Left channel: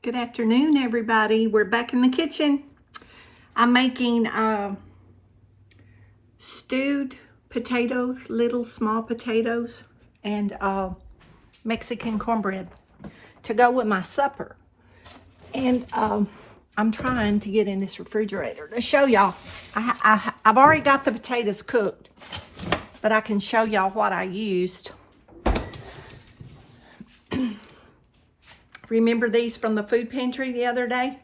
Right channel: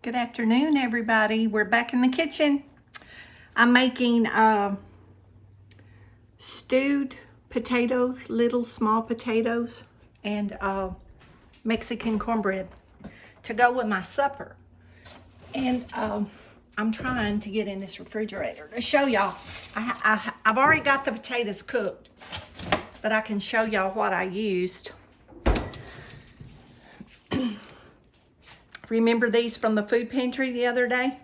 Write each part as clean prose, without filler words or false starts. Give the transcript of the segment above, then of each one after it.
Good afternoon, everybody. We're back in the kitchen. I'm making stewed potatoes, little small potatoes, and Mexican cornbread to go with my supper. And I'm trying to get in this refrigerator to show y'all. I've already got the potatoes cooked, but I can show y'all what I used. Remember these from the food pantry the other day?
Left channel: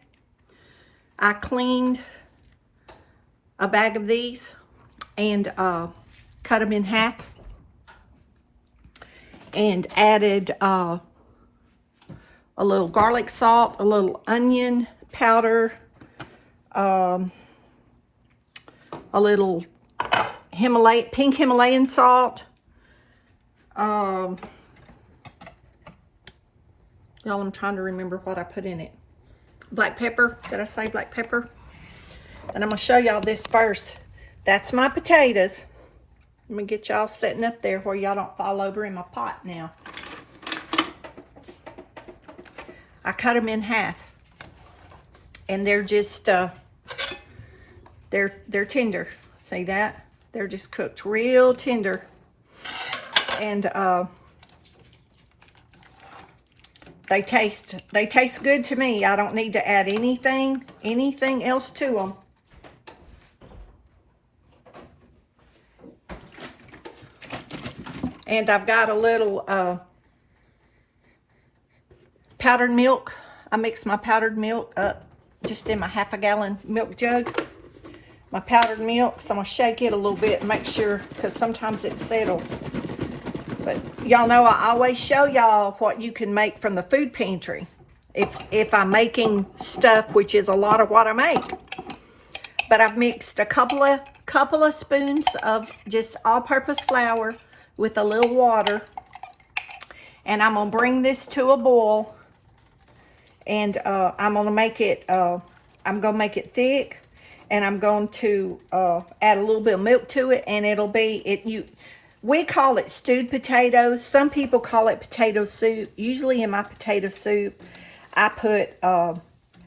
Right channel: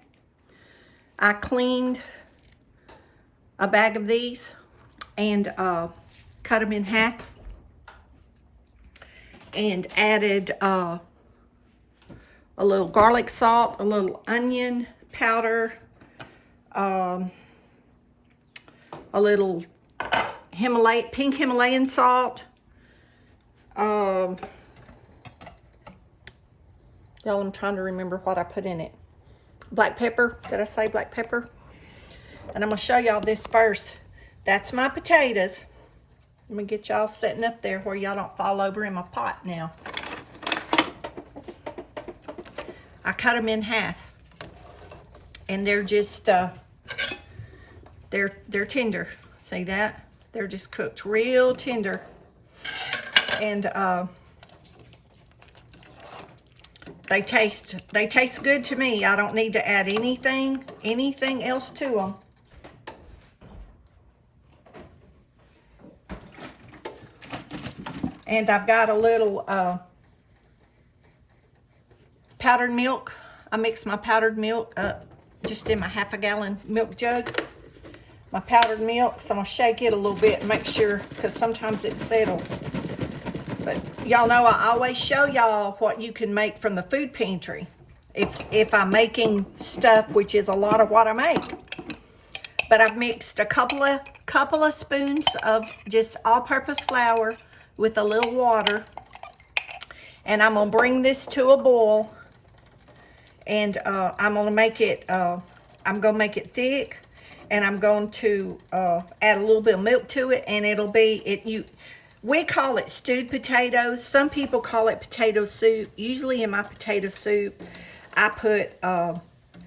I cleaned a bag of these and cut them in half and added a little garlic salt, a little onion powder, a little pink Himalayan salt. Y'all, I'm trying to remember what I put in it. Black pepper. Did I say black pepper? And I'm going to show y'all this first. That's my potatoes. Let me get y'all setting up there where y'all don't fall over in my pot now. I cut them in half. And they're just, they're tender. See that? They're just cooked real tender. And they taste good to me. I don't need to add anything else to them. And I've got a little powdered milk. I mix my powdered milk up just in my half-a-gallon milk jug. My powdered milk, so I'm gonna shake it a little bit and make sure, because sometimes it settles. But y'all know I always show y'all what you can make from the food pantry if I'm making stuff, which is a lot of what I make. But I've mixed a couple of spoons of just all-purpose flour with a little water, and I'm gonna bring this to a boil, and I'm gonna make it thick, and I'm going to add a little bit of milk to it, and it'll be we call it stewed potatoes. Some people call it potato soup. Usually in my potato soup, I put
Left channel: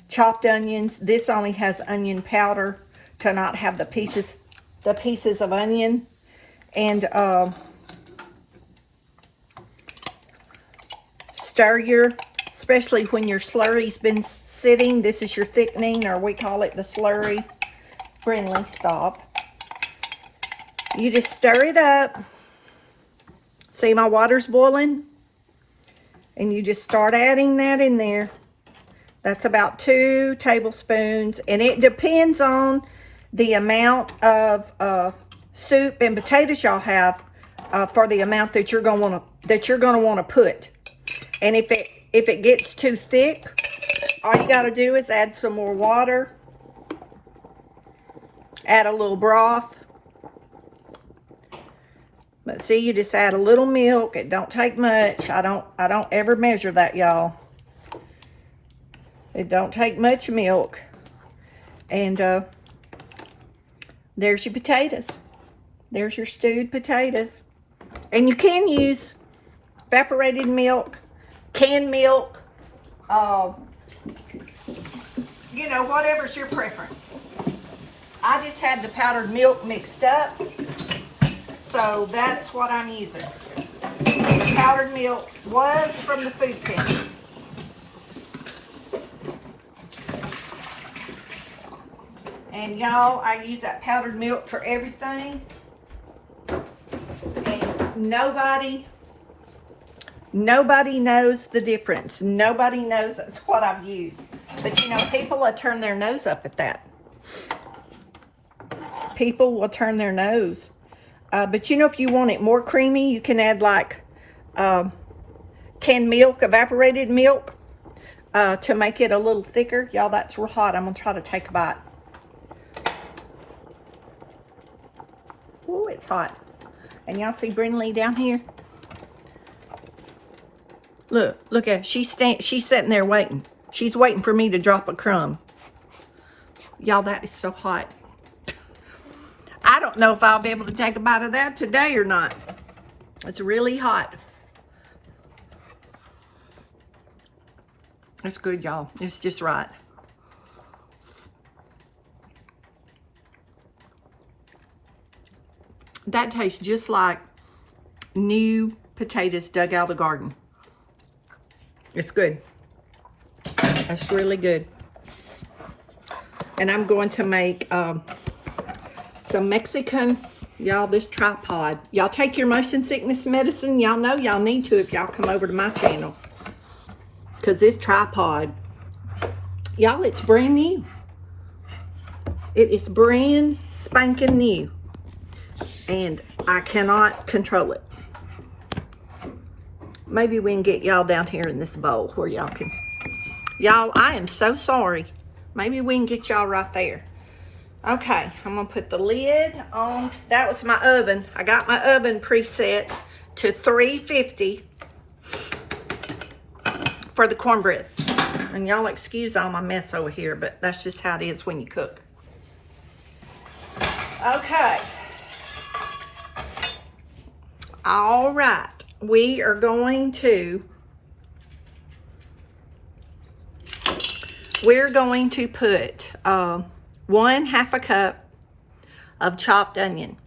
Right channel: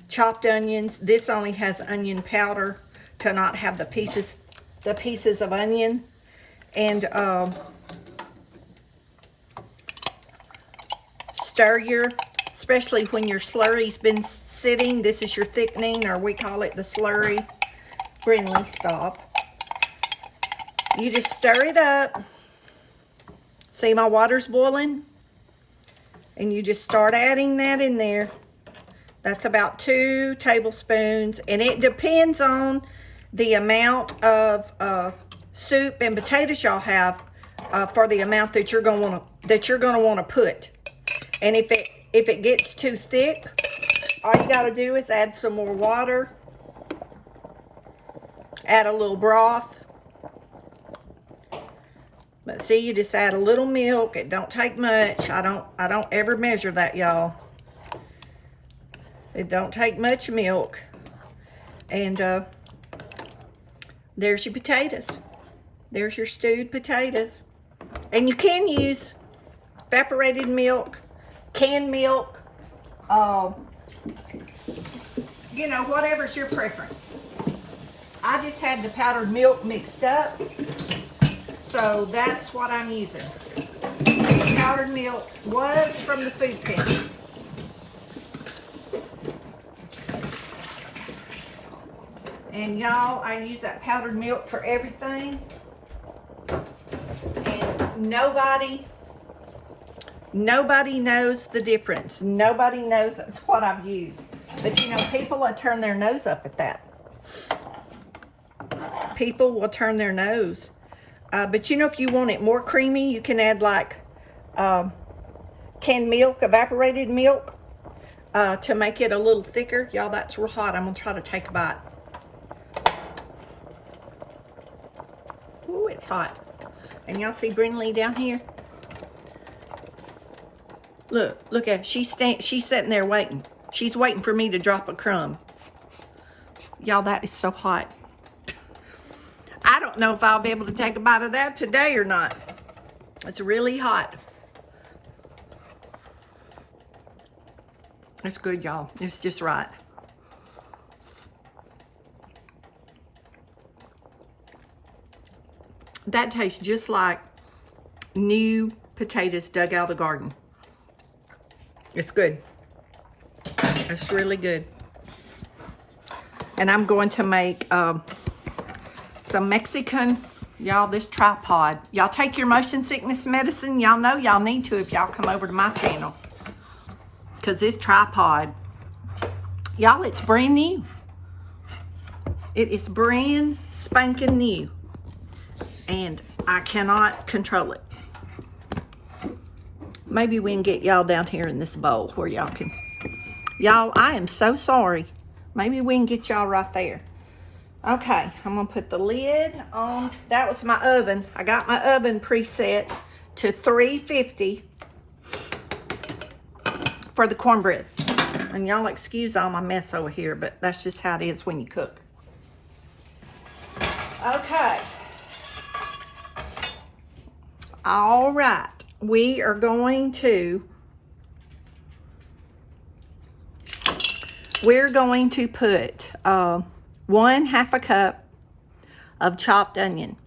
chopped onions. This only has onion powder to not have the pieces of onion. And stir especially when your slurry's been sitting. This is your thickening, or we call it the slurry. Brinley, stop. You just stir it up. See, my water's boiling, and you just start adding that in there. That's about 2 tablespoons, and it depends on the amount of soup and potatoes y'all have for the amount that you're gonna want to put. And if it gets too thick, all you gotta do is add some more water, add a little broth. But see, you just add a little milk. It don't take much. I don't ever measure that, y'all. It don't take much milk. And there's your potatoes. There's your stewed potatoes. And you can use evaporated milk, canned milk, you know, whatever's your preference. I just had the powdered milk mixed up, so that's what I'm using. The powdered milk was from the food pantry. And y'all, I use that powdered milk for everything. And nobody knows the difference. Nobody knows that's what I've used. But you know, people will turn their nose up at that. People will turn their nose. But you know, if you want it more creamy, you can add like canned milk, evaporated milk, to make it a little thicker. Y'all, that's real hot. I'm gonna try to take a bite. Ooh, it's hot. And y'all see Brinley down here? Look at her. She's sitting there waiting. She's waiting for me to drop a crumb. Y'all, that is so hot. I don't know if I'll be able to take a bite of that today or not. It's really hot. It's good, y'all. It's just right. That tastes just like new potatoes dug out of the garden. It's good. It's really good. And I'm going to make some Mexican, y'all, this tripod. Y'all take your motion sickness medicine. Y'all know y'all need to if y'all come over to my channel. Because this tripod, y'all, it's brand new. It is brand spanking new. And I cannot control it. Maybe we can get y'all down here in this bowl where y'all can. Y'all, I am so sorry. Maybe we can get y'all right there. Okay, I'm gonna put the lid on. That was my oven. I got my oven preset to 350 for the cornbread. And y'all excuse all my mess over here, but that's just how it is when you cook. Okay. All right, we are going to put 1/2 a cup of chopped onion.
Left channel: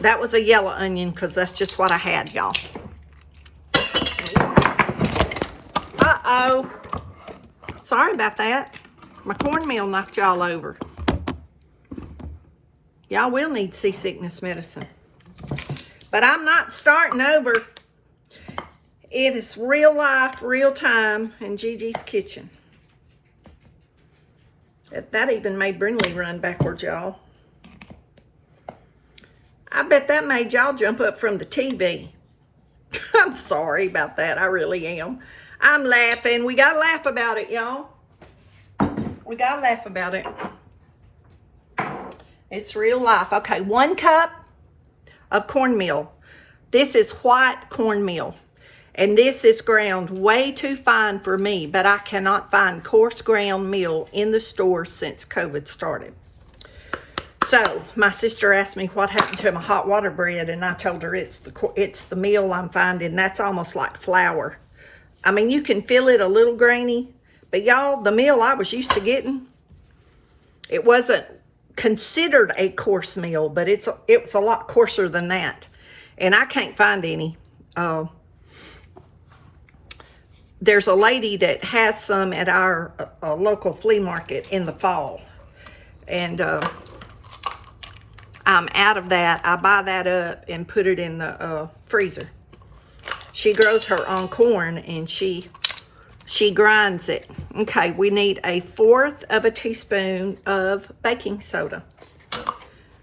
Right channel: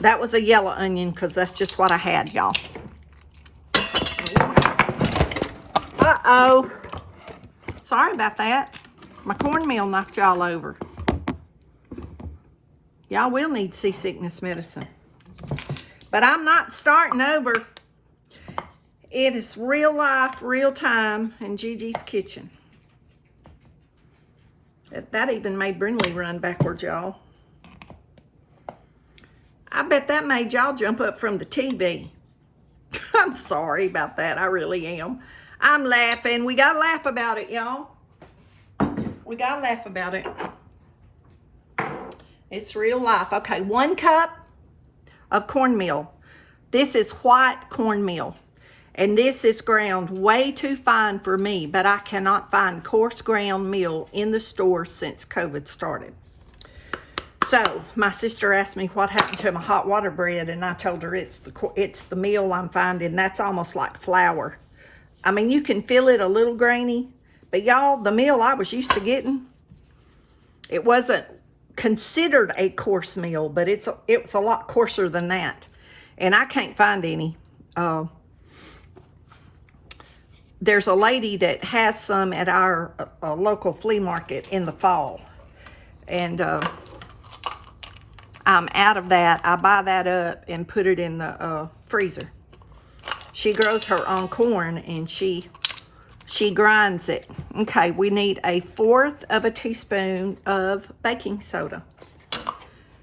That was a yellow onion because that's just what I had, y'all. Uh-oh. Sorry about that. My cornmeal knocked y'all over. Y'all will need seasickness medicine. But I'm not starting over. It is real life, real time in Gigi's kitchen. That even made Brindley run backwards, y'all. I bet that made y'all jump up from the TV. I'm sorry about that. I really am. I'm laughing. We gotta laugh about it, y'all. We gotta laugh about it. It's real life. Okay, 1 cup of cornmeal. This is white cornmeal. And this is ground way too fine for me, but I cannot find coarse ground meal in the store since COVID started. So my sister asked me what happened to my hot water bread, and I told her it's the meal I'm finding. That's almost like flour. I mean, you can feel it a little grainy, but y'all, the meal I was used to getting, it wasn't considered a coarse meal, but it's a lot coarser than that, and I can't find any. There's a lady that has some at our local flea market in the fall. And I'm out of that. I buy that up and put it in the freezer. She grows her own corn and she grinds it. Okay, we need 1/4 teaspoon of baking soda.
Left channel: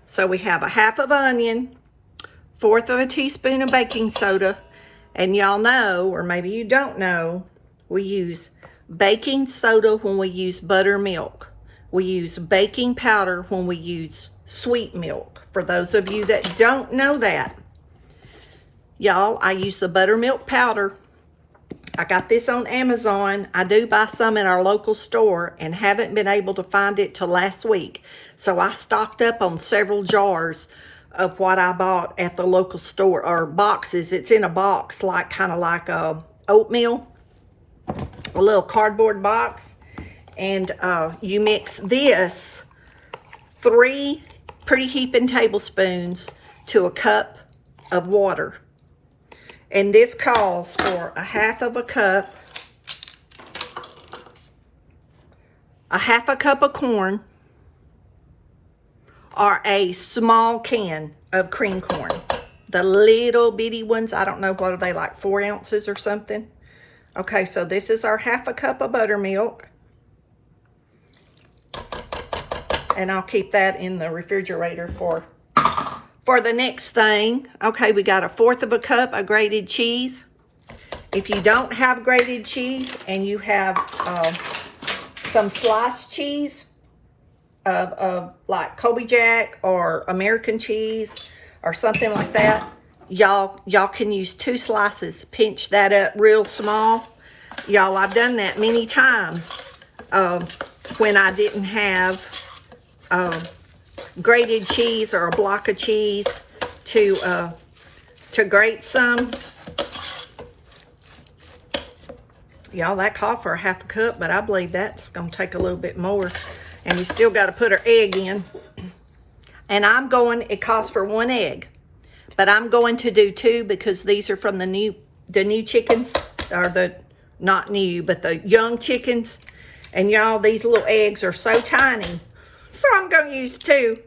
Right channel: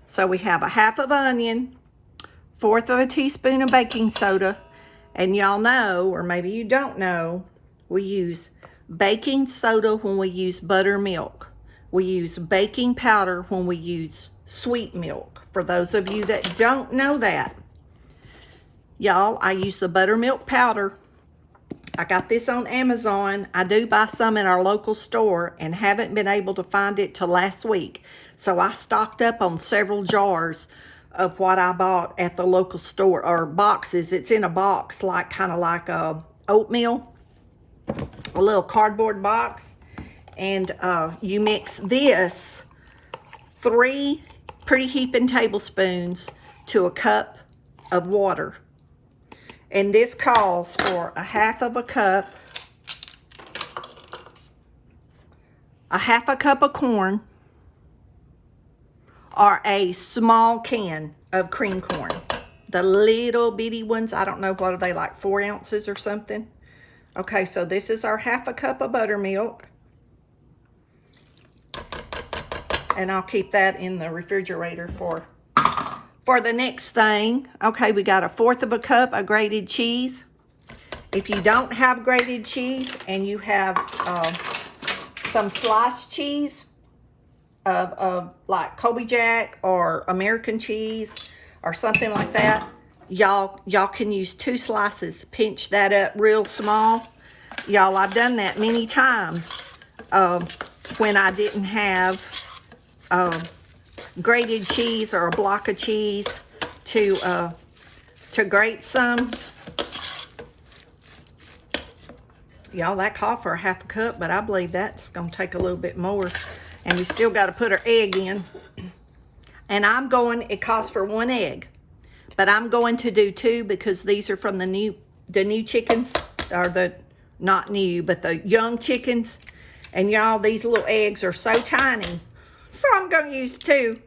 So we have 1/2 onion, 1/4 teaspoon of baking soda, and y'all know, or maybe you don't know, we use baking soda when we use buttermilk. We use baking powder when we use sweet milk. For those of you that don't know that, y'all, I use the buttermilk powder. I got this on Amazon. I do buy some in our local store and haven't been able to find it till last week. So I stocked up on several jars of what I bought at the local store, or boxes. It's in a box, like kind of like oatmeal, a little cardboard box. And you mix this 3 pretty heaping tablespoons to a cup of water. And this calls for 1/2 cup, 1/2 cup of corn, or a small can of cream corn. The little bitty ones, I don't know, what are they, like 4 ounces or something? Okay, so this is our 1/2 cup of buttermilk. And I'll keep that in the refrigerator for the next thing. Okay, we got 1/4 cup of grated cheese. If you don't have grated cheese and you have some sliced cheese of like Colby Jack or American cheese or something like that, y'all can use 2 slices. Pinch that up real small. Y'all, I've done that many times when I didn't have grated cheese or a block of cheese to grate some. Y'all, that called for a half a cup, but I believe that's gonna take a little bit more. And you still gotta put our egg in. And it calls for 1 egg, but I'm going to do 2 because these are from the new chickens, or the, not new, but the young chickens. And y'all, these little eggs are so tiny. So I'm gonna use 2.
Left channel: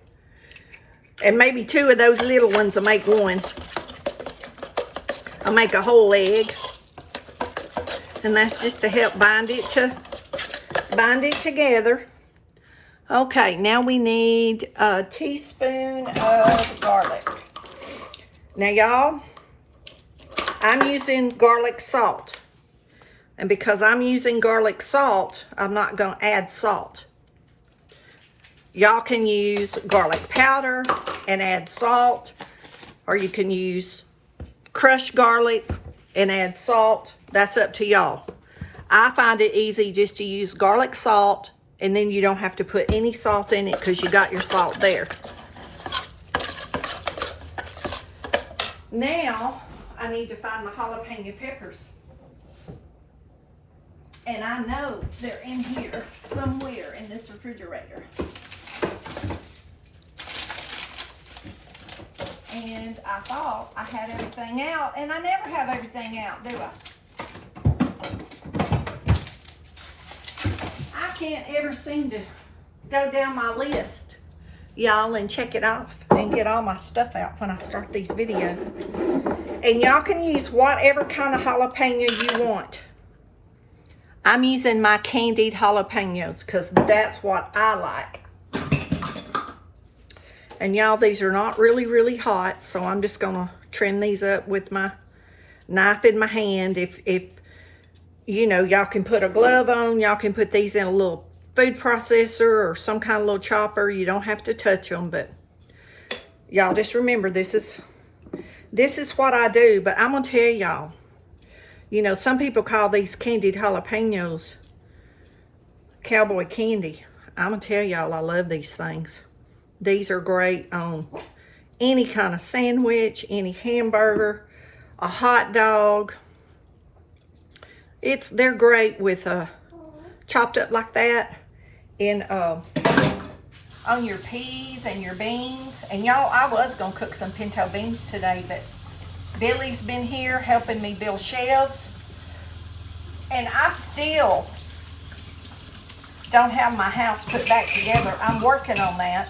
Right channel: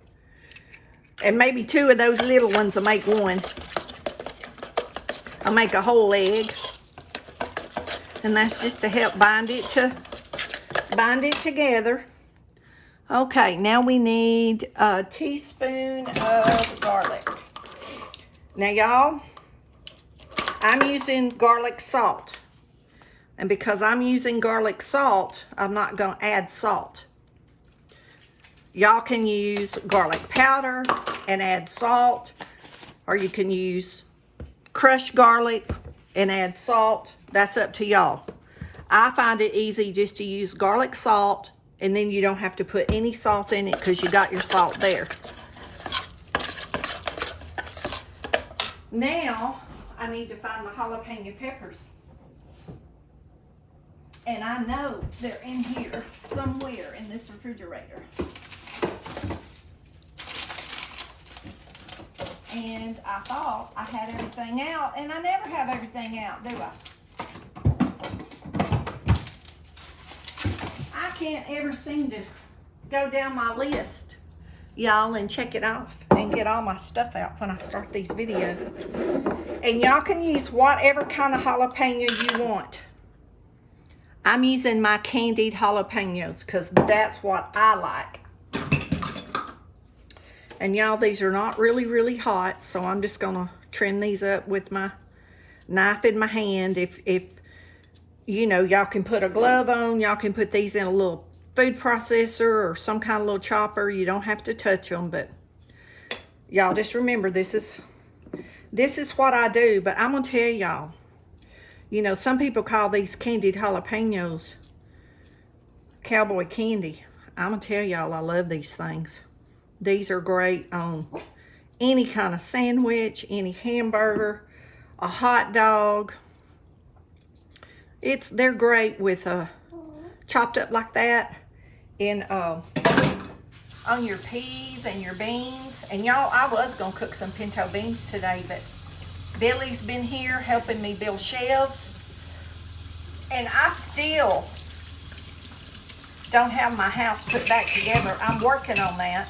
And maybe 2 of those little ones will make 1. I'll make a whole egg. And that's just to help bind it together. Okay, now we need a teaspoon of garlic. Now y'all, I'm using garlic salt. And because I'm using garlic salt, I'm not gonna add salt. Y'all can use garlic powder and add salt, or you can use crushed garlic and add salt. That's up to y'all. I find it easy just to use garlic salt, and then you don't have to put any salt in it because you got your salt there. Now, I need to find my jalapeno peppers. And I know they're in here somewhere in this refrigerator. And I thought I had everything out, and I never have everything out, do I? I can't ever seem to go down my list, y'all, and check it off and get all my stuff out when I start these videos. And y'all can use whatever kind of jalapeno you want. I'm using my candied jalapenos because that's what I like. And y'all, these are not really hot, so I'm just gonna trim these up with my knife in my hand. If you know, y'all can put a glove on, y'all can put these in a little food processor or some kind of little chopper. You don't have to touch them, but y'all just remember, this is what I do. But I'm gonna tell y'all, you know, some people call these candied jalapenos cowboy candy. I'm gonna tell y'all, I love these things. These are great on any kind of sandwich, any hamburger, a hot dog. They're great with chopped up like that in on your peas and your beans. And y'all, I was gonna cook some pinto beans today, but Billy's been here helping me build shelves, and I still don't have my house put back together. I'm working on that.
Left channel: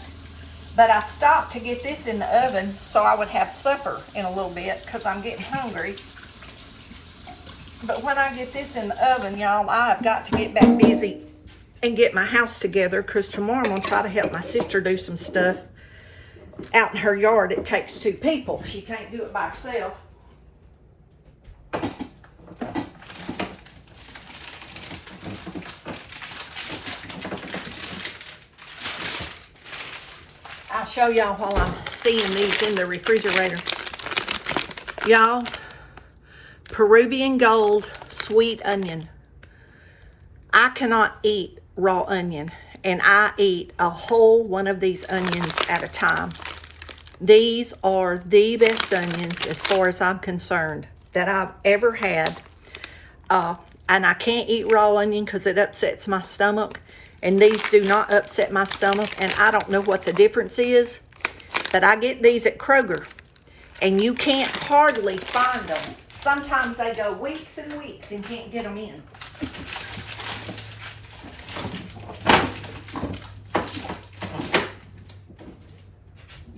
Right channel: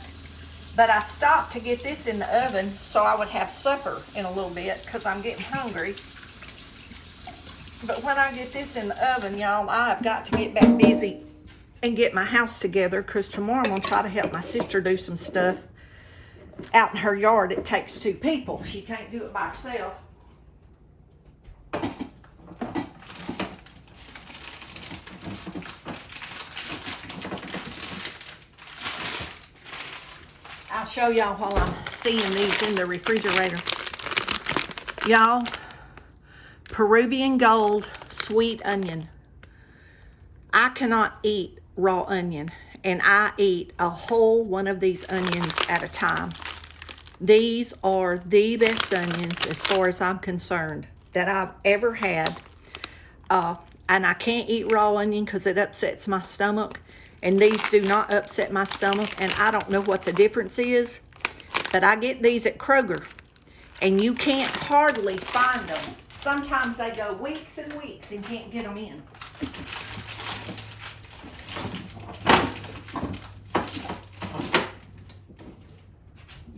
But I stopped to get this in the oven so I would have supper in a little bit because I'm getting hungry. But when I get this in the oven, y'all, I've got to get back busy and get my house together because tomorrow I'm going to try to help my sister do some stuff out in her yard. It takes 2 people. She can't do it by herself. I'll show y'all while I'm seeing these in the refrigerator. Y'all, Peruvian Gold sweet onion. I cannot eat raw onion, and I eat a whole one of these onions at a time. These are the best onions, as far as I'm concerned, that I've ever had. And I can't eat raw onion because it upsets my stomach. And these do not upset my stomach, and I don't know what the difference is, but I get these at Kroger, and you can't hardly find them. Sometimes they go weeks and weeks and can't get them in.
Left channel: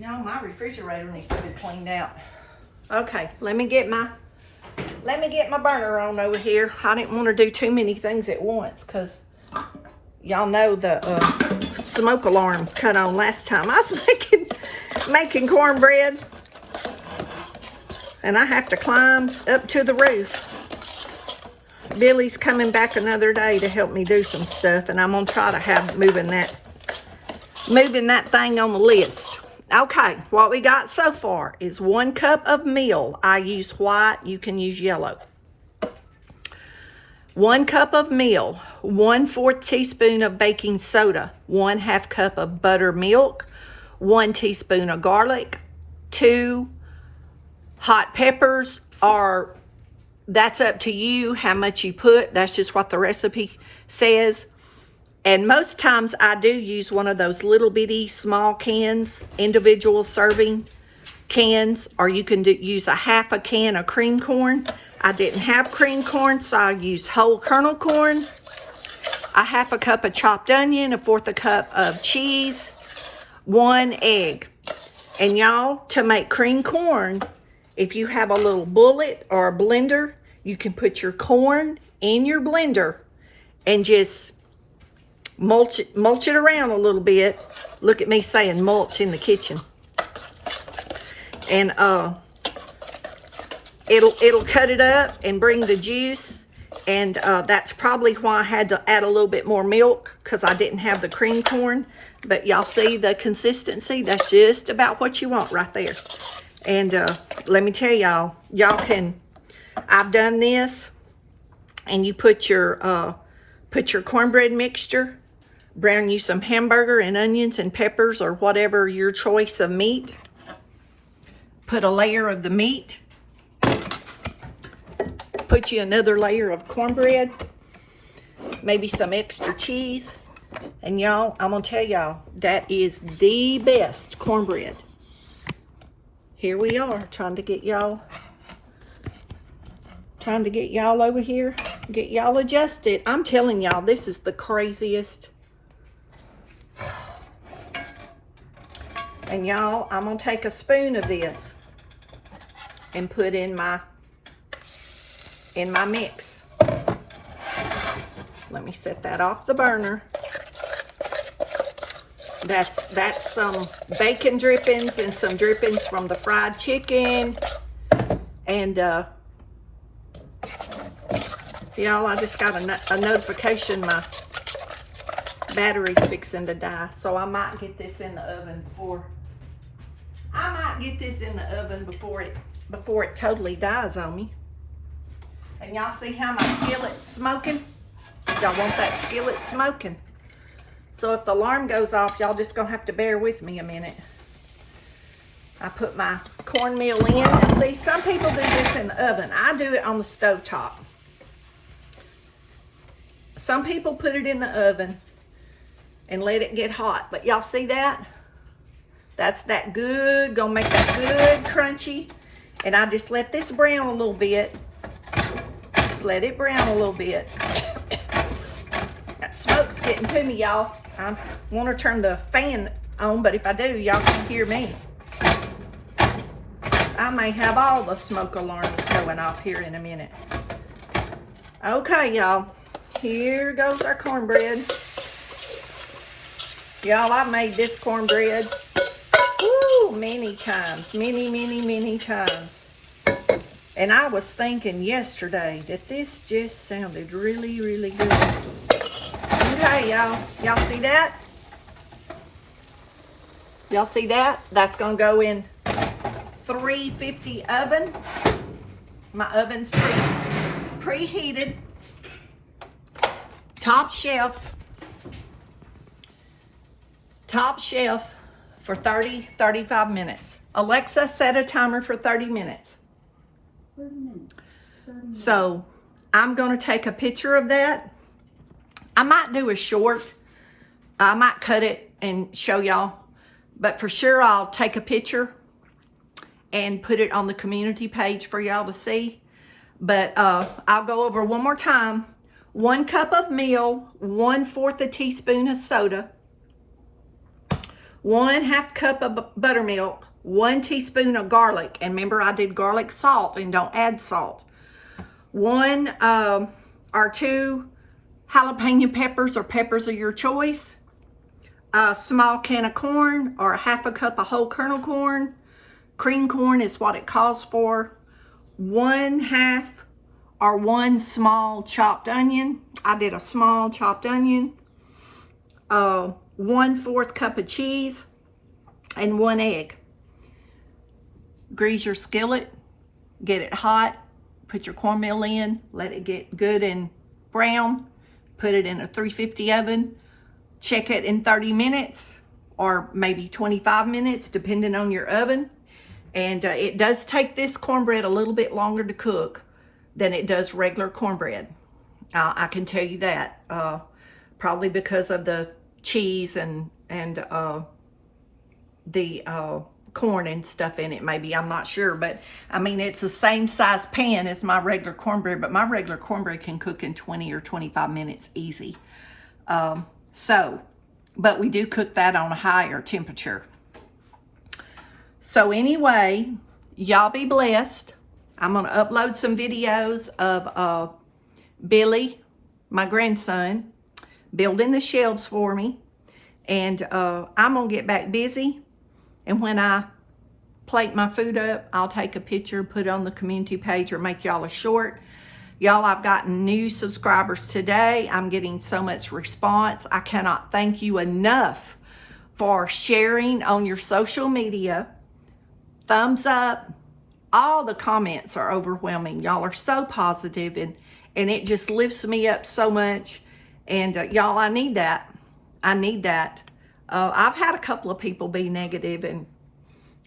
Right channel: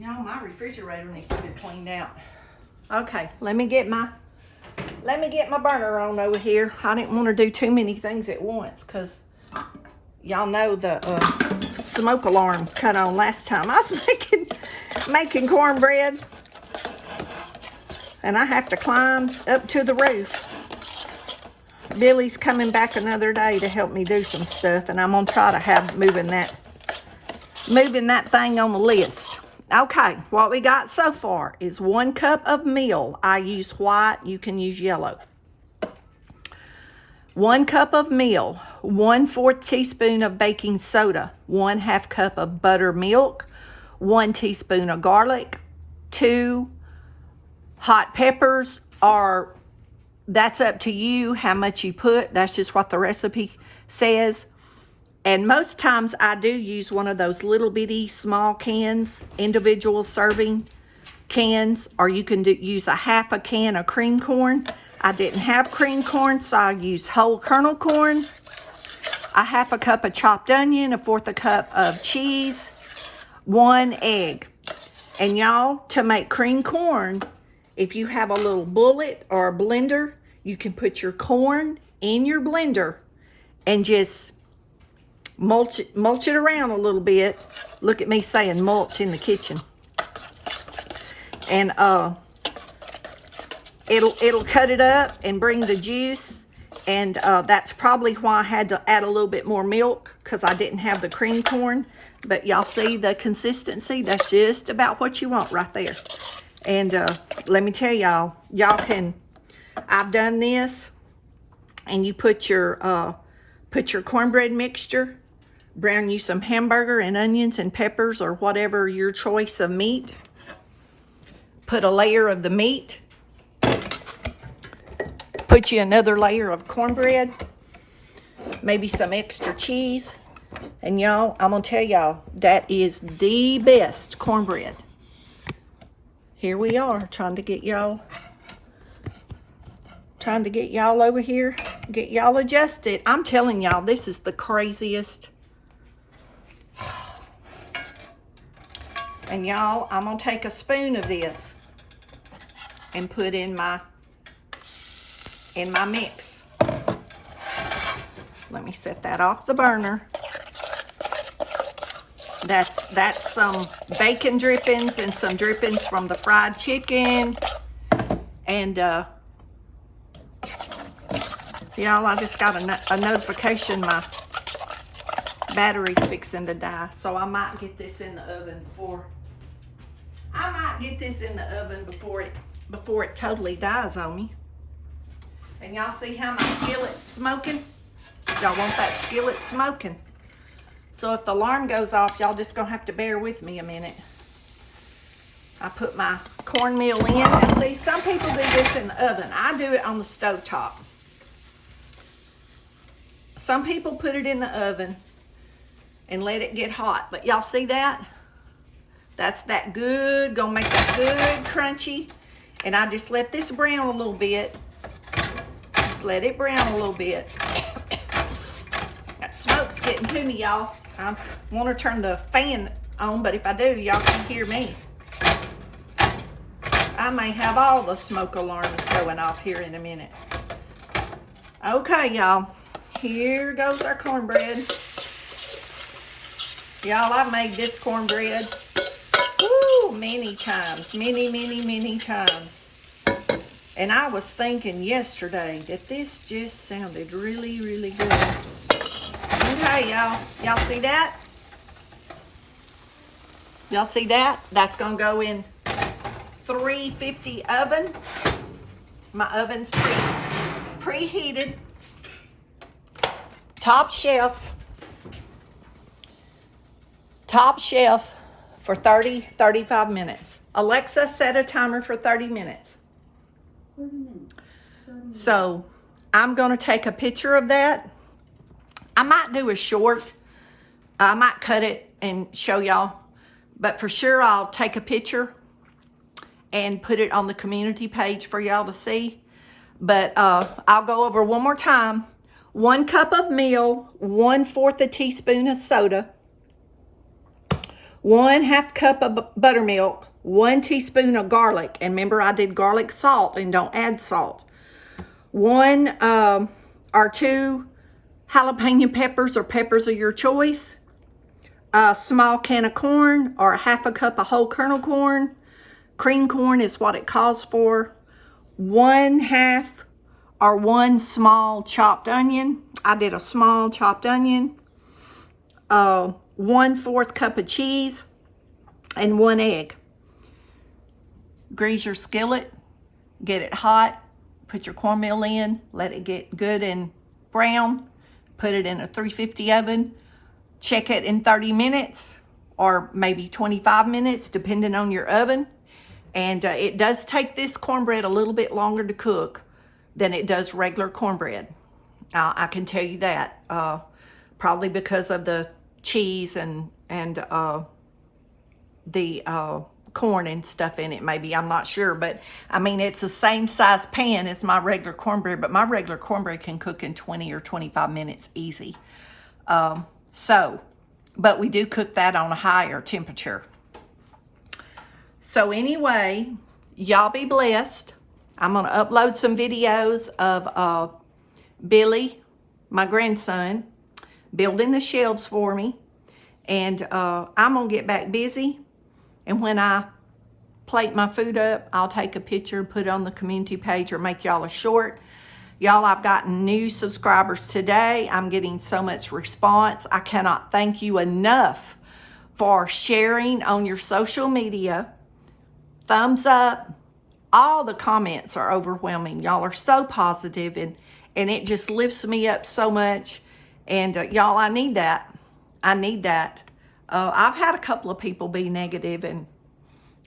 Y'all, my refrigerator needs to be cleaned out. Okay, let me get my burner on over here. I didn't want to do too many things at once because y'all know the smoke alarm cut on last time. I was making cornbread, and I have to climb up to the roof. Billy's coming back another day to help me do some stuff, and I'm gonna try to have moving that thing on the list. Okay, what we got so far is 1 cup of meal. I use white, you can use yellow. 1 cup of meal, 1/4 teaspoon of baking soda, 1/2 cup of buttermilk, 1 teaspoon of garlic, 2 hot peppers or that's up to you how much you put. That's just what the recipe says. And most times I do use one of those little bitty small cans, individual serving cans, or you can use a half a can of cream corn. I didn't have cream corn, so I used whole kernel corn, a half a cup of chopped onion, a fourth a cup of cheese, 1 egg. And y'all, to make cream corn, if you have a little bullet or a blender, you can put your corn in your blender and just mulch it around a little bit. Look at me saying mulch in the kitchen. And it'll cut it up and bring the juice. And that's probably why I had to add a little bit more milk, because I didn't have the cream corn. But y'all see the consistency? That's just about what you want right there. And let me tell y'all, I've done this, and you put your cornbread mixture, brown you some hamburger and onions and peppers or whatever your choice of meat. Put a layer of the meat. Put you another layer of cornbread. Maybe some extra cheese. And y'all, I'm going to tell y'all, that is the best cornbread. Here we are, trying to get y'all over here, get y'all adjusted. I'm telling y'all, this is the craziest. And y'all, I'm going to take a spoon of this and put in my mix. Let me set that off the burner. That's some bacon drippings and some drippings from the fried chicken. And y'all, I just got a notification my battery's fixing to die, so I might get this in the oven before it totally dies on me. And y'all see how my skillet's smoking? Y'all want that skillet smoking. So if the alarm goes off, y'all just gonna have to bear with me a minute. I put my cornmeal in. See, some people do this in the oven. I do it on the stovetop. Some people put it in the oven and let it get hot. But y'all see that? That's that good, gonna make that good crunchy. And I just let this brown a little bit. Just let it brown a little bit. That smoke's getting to me, y'all. I want to turn the fan on, but if I do, y'all can hear me. I may have all the smoke alarms going off here in a minute. Okay, y'all. Here goes our cornbread. Y'all, I've made this cornbread many times. Many times. And I was thinking yesterday that this just sounded really, really good. Okay, y'all. Y'all see that? Y'all see that? That's going to go in 350 oven. My oven's preheated. Top shelf for 35 minutes. Alexa, set a timer for 30 minutes. 30 minutes. So I'm going to take a picture of that. I might do a short. I might cut it and show y'all. But for sure, I'll take a picture and put it on the community page for y'all to see. But I'll go over one more time. 1 cup of meal, 1/4 a teaspoon of soda, 1/2 cup of buttermilk, 1 teaspoon of garlic. And remember, I did garlic salt and don't add salt. 1 or 2 jalapeno peppers or peppers of your choice. A small can of corn or 1/2 cup of whole kernel corn. Cream corn is what it calls for. 1/2 or 1 small chopped onion. I did a small chopped onion. 1/4 cup of cheese and 1 egg. Grease your skillet, get it hot, put your cornmeal in, let it get good and brown, put it in a 350 oven, check it in 30 minutes or maybe 25 minutes depending on your oven. And it does take this cornbread a little bit longer to cook, than it does regular cornbread. I can tell you that. Probably because of the cheese and the corn and stuff in it, maybe. I'm not sure. But, I mean, it's the same size pan as my regular cornbread. But my regular cornbread can cook in 20 or 25 minutes easy. But we do cook that on a higher temperature. So anyway, y'all be blessed. I'm going to upload some videos of Billy, my grandson, building the shelves for me. And I'm going to get back busy. And when I plate my food up, I'll take a picture, put it on the community page, or make y'all a short. Y'all, I've gotten new subscribers today. I'm getting so much response. I cannot thank you enough for sharing on your social media. Thumbs up. All the comments are overwhelming. Y'all are so positive, and it just lifts me up so much. And y'all, I need that. I need that. I've had a couple of people be negative, and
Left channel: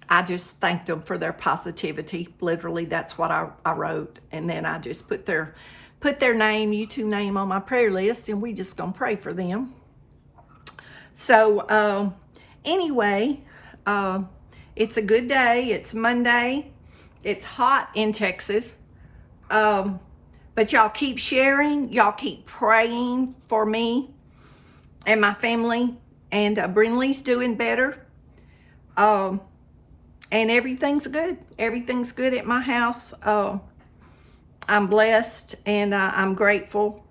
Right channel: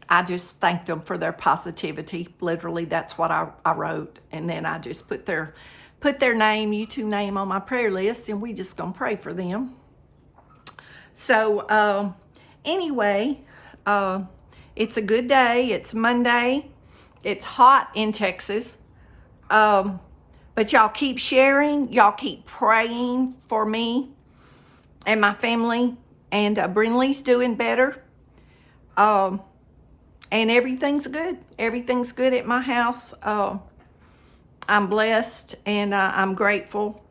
I just thanked them for their positivity. Literally, that's what I wrote. And then I just put their name, YouTube name, on my prayer list, and we just gonna pray for them. So anyway, it's a good day. It's Monday. It's hot in Texas. But y'all keep sharing. Y'all keep praying for me and my family. And Brinley's doing better. And everything's good. Everything's good at my house. I'm blessed, and I'm grateful.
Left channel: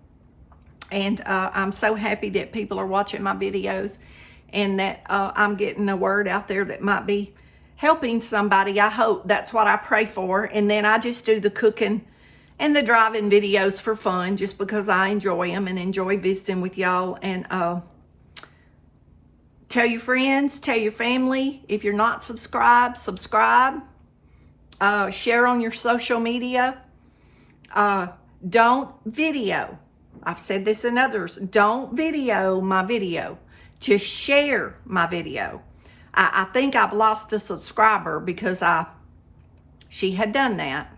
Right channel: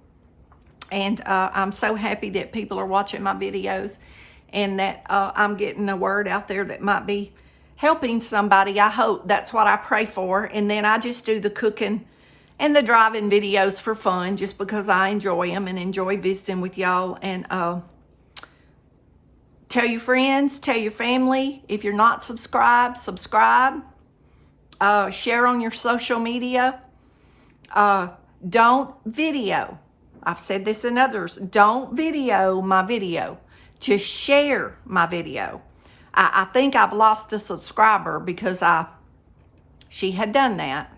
And I'm so happy that people are watching my videos, and that I'm getting the word out there that might be helping somebody. I hope. That's what I pray for. And then I just do the cooking and the driving videos for fun, just because I enjoy them and enjoy visiting with y'all. And tell your friends, tell your family. If you're not subscribed, subscribe. Share on your social media. Don't video. I've said this in others. Don't video my video. Just share my video. I think I've lost a subscriber because she had done that.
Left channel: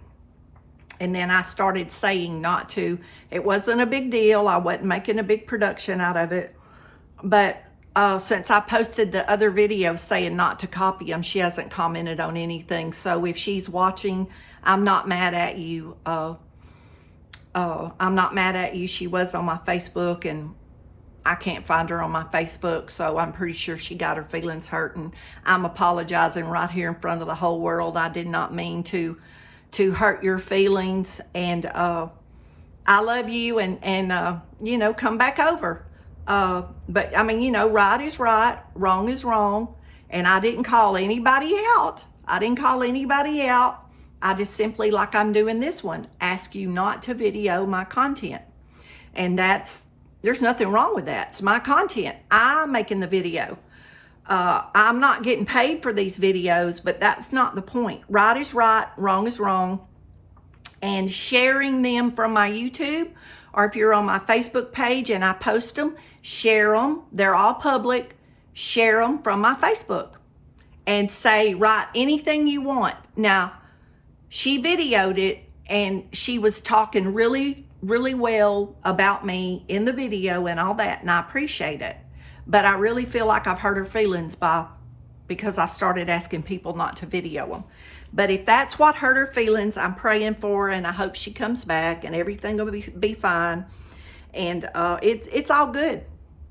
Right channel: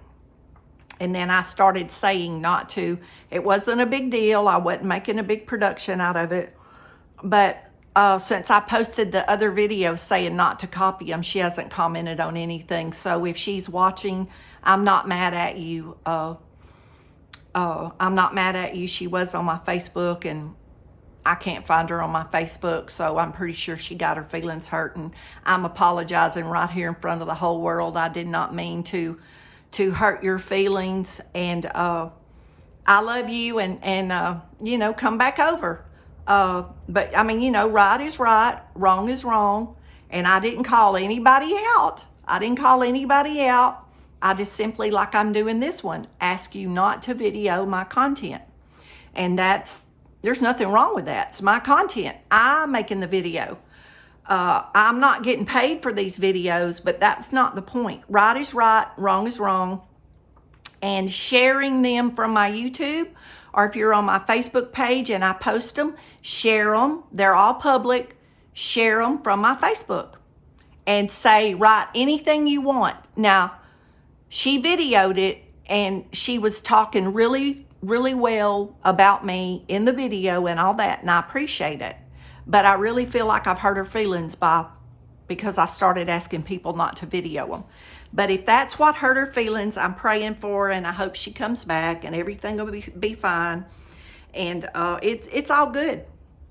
And then I started saying not to. It wasn't a big deal. I wasn't making a big production out of it. But since I posted the other video saying not to copy them, she hasn't commented on anything. So if she's watching, I'm not mad at you. I'm not mad at you. She was on my Facebook, and I can't find her on my Facebook, so I'm pretty sure she got her feelings hurt, and I'm apologizing right here in front of the whole world. I did not mean to hurt your feelings, and I love you, and you know, come back over. But I mean, you know, right is right, wrong is wrong, and I didn't call anybody out. I just simply, like I'm doing this one, ask you not to video my content. And there's nothing wrong with that. It's my content. I'm making the video. I'm not getting paid for these videos, but that's not the point. Right is right, wrong is wrong. And sharing them from my YouTube, or if you're on my Facebook page and I post them, share them. They're all public. Share them from my Facebook. And say, write anything you want. Now, she videoed it, and she was talking really, really well about me in the video and all that, and I appreciate it. But I really feel like I've hurt her feelings because I started asking people not to video them. But if that's what hurt her feelings, I'm praying for her, and I hope she comes back and everything will be fine. And it's all good.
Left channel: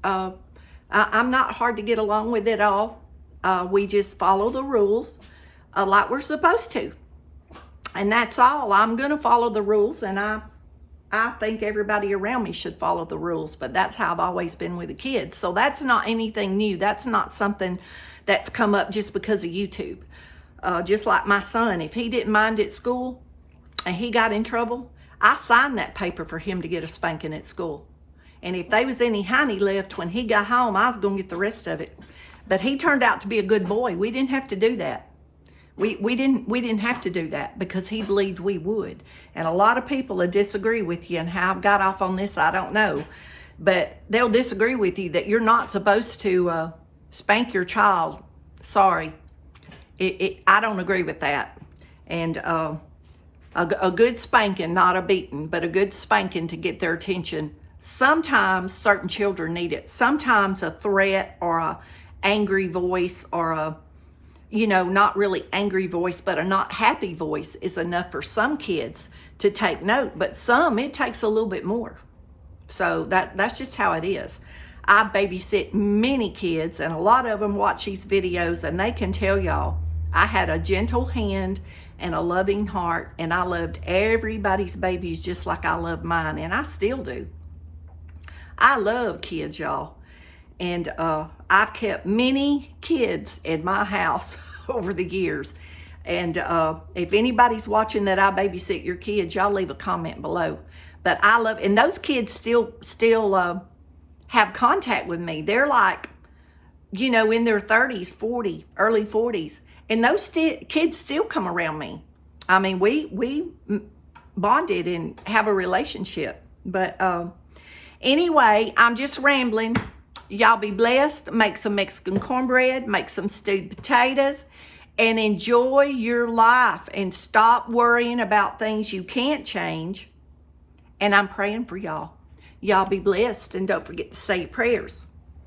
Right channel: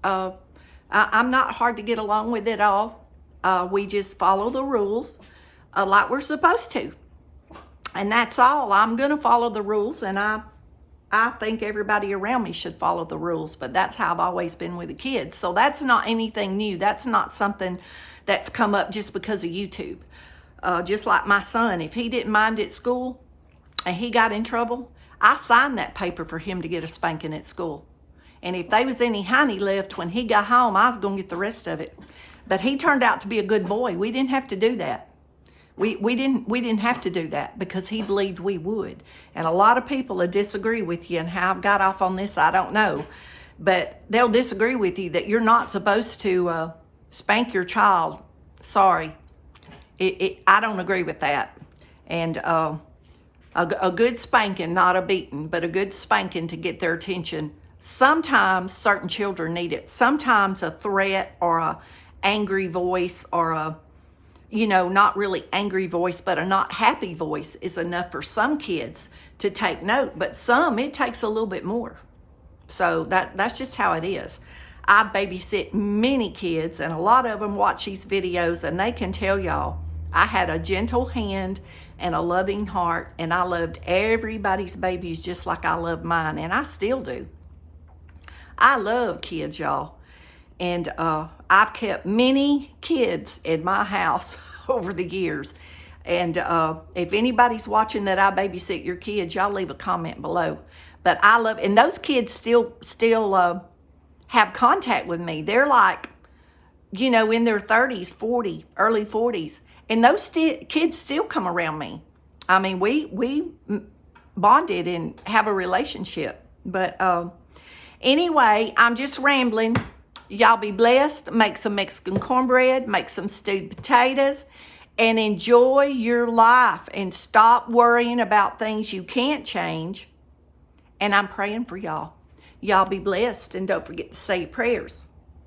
I'm not hard to get along with at all. We just follow the rules like we're supposed to. And that's all. I'm going to follow the rules, and I think everybody around me should follow the rules, but that's how I've always been with the kids. So that's not anything new. That's not something that's come up just because of YouTube. Just like my son, if he didn't mind at school and he got in trouble, I signed that paper for him to get a spanking at school. And if there was any honey left when he got home, I was going to get the rest of it. But he turned out to be a good boy. We didn't have to do that. We didn't have to do that because he believed we would. And a lot of people will disagree with you, and how I've got off on this, I don't know. But they'll disagree with you that you're not supposed to spank your child. Sorry. I don't agree with that. And A good spanking, not a beating, but a good spanking to get their attention. Sometimes certain children need it. Sometimes a threat or a angry voice or a, not really angry voice, but a not happy voice is enough for some kids to take note. But some, it takes a little bit more. So that's just how it is. I babysit many kids, and a lot of them watch these videos, and they can tell y'all I had a gentle hand and a loving heart, and I loved everybody's babies just like I love mine, and I still do. I love kids, y'all. And I've kept many kids in my house over the years. And if anybody's watching that I babysit your kids, y'all leave a comment below. But I love, and those kids still have contact with me. They're like, in their 30s, 40, early 40s. And those kids still come around me. I mean, we bonded and have a relationship. But anyway, I'm just rambling. Y'all be blessed. Make some Mexican cornbread. Make some stewed potatoes. And enjoy your life. And stop worrying about things you can't change. And I'm praying for y'all. Y'all be blessed. And don't forget to say your prayers.